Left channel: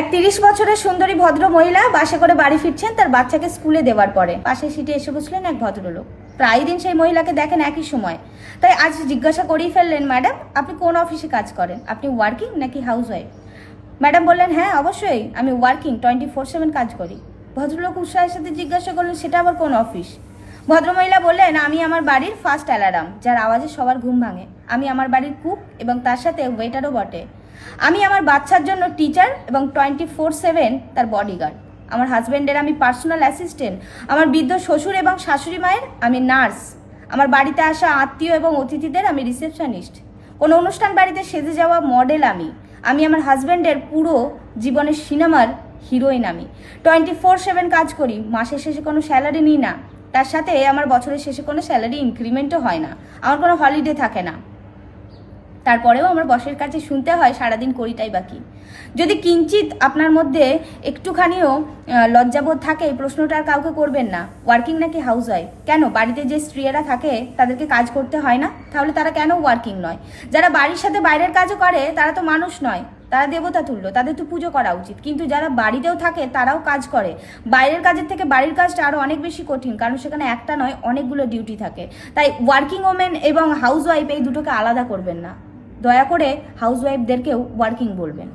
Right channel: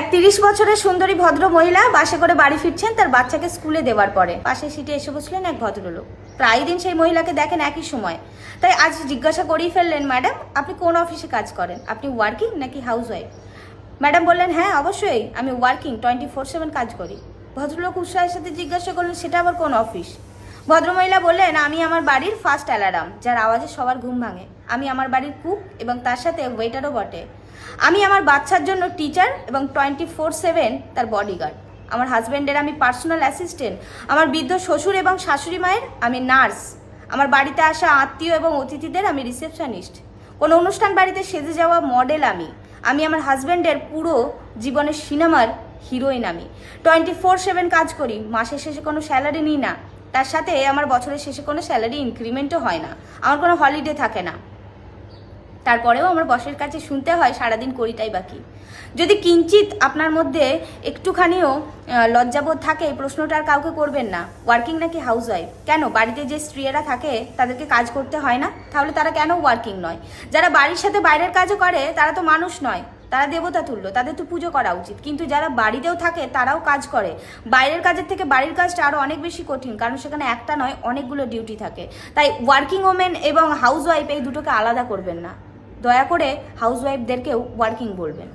এক 30 বছরের সুন্দরী ভদ্র মহিলা বাসে করে বাড়ি ফিরছেন তার বাচ্চাকে স্কুলে দেওয়ার পরে। পাশের সিটে এসে বসলেন এক ভদ্রলোক। প্রায় দিন সেই মহিলাকে দেখেন একই সময়, তাই আজ জিজ্ঞাসা করেই ফেললেন, ম্যাডাম আপনি কোন অফিসে কাজ করেন? আপনি ওয়ার্কিং নাকি হাউস ওয়াইফ? ম্যাডাম বললেন, হ্যাঁ অবশ্যই আমি ওয়ার্কিং, 24/7 কাজ করি। ভদ্রলোক উৎসাহের সাথে জিজ্ঞাসা করলেন, সেটা আবার কোন অফিস? ভদ্রমহিলা বললেন, আমি আমার বাড়ির ফার্স্ট অ্যালার্ম, যার আওয়াজে সবার ঘুম ভাঙে। আমি আমার বাড়ির কুক এবং তার সাথে ওয়েটারও বটে। আমি আমার বাচ্চার জন্য টিচার এবং 24/7 তার বডিগার্ড। আমার হাজব্যান্ডের আমি পার্সোনাল অ্যাসিস্ট্যান্ট। আমার বৃদ্ধ শ্বশুর এবং শাশুড়ি মায়ের আমি নার্স। আমার বাড়িতে আসা আত্মীয় এবং অতিথিদের আমি রিসেপশনিস্ট। কোনো অনুষ্ঠান বাড়িতে সেজে যাওয়া মডেল আমি। আমি আমার হাজব্যান্ডের পুরো জীবনের সিনেমার হিরোইন। আমি 24/7 কাজ করি। মাসের শেষে কোনো স্যালারি নিই না। তার সাথে আমার বছরের শেষে কোনো স্যালারি ইনক্রিমেন্টও হয় না। আমার কোনো হলিডে থাকে না। তারপরেও আমার বসের কাছে শুনতে হয় সারাদিন করিটাই বাকি। যদি কিঞ্চিত আপনার মধ্যে একটুখানিও লজ্জাবোধ থাকে, এই প্রশ্নটা আর কাউকে করবেন না, ওয়ার্কিং নাকি হাউস ওয়াইফ। কেন বাড়িতে যে স্ত্রীরা থাকে তাদেরকে কাজ করতে হয় না? তাহলে তারা কেন ওয়ার্কিং নয়? যারা বাড়ির সাথে বাইরের কাজও করে তারা তো মানুষ নয়, তারা দেবতা তুল্য, তাদের তো পুজো করা উচিত। কিন্তু যারা বাড়িতেও থাকে তারাও কাজ করে। বাইরের কাজের থেকে বাড়ির কাজটা আরো অনেক বেশি কঠিন, কারণ সেখানে একটা নয় অনেকগুলো ডিউটি থাকে। তাই ওয়ার্কিং ওমেন এবং হাউস ওয়াইফ এই দুটোকে আলাদা করবেন না। দয়া করে হাউস ওয়াইফদেরকেও ওয়ার্কিং বলবেন।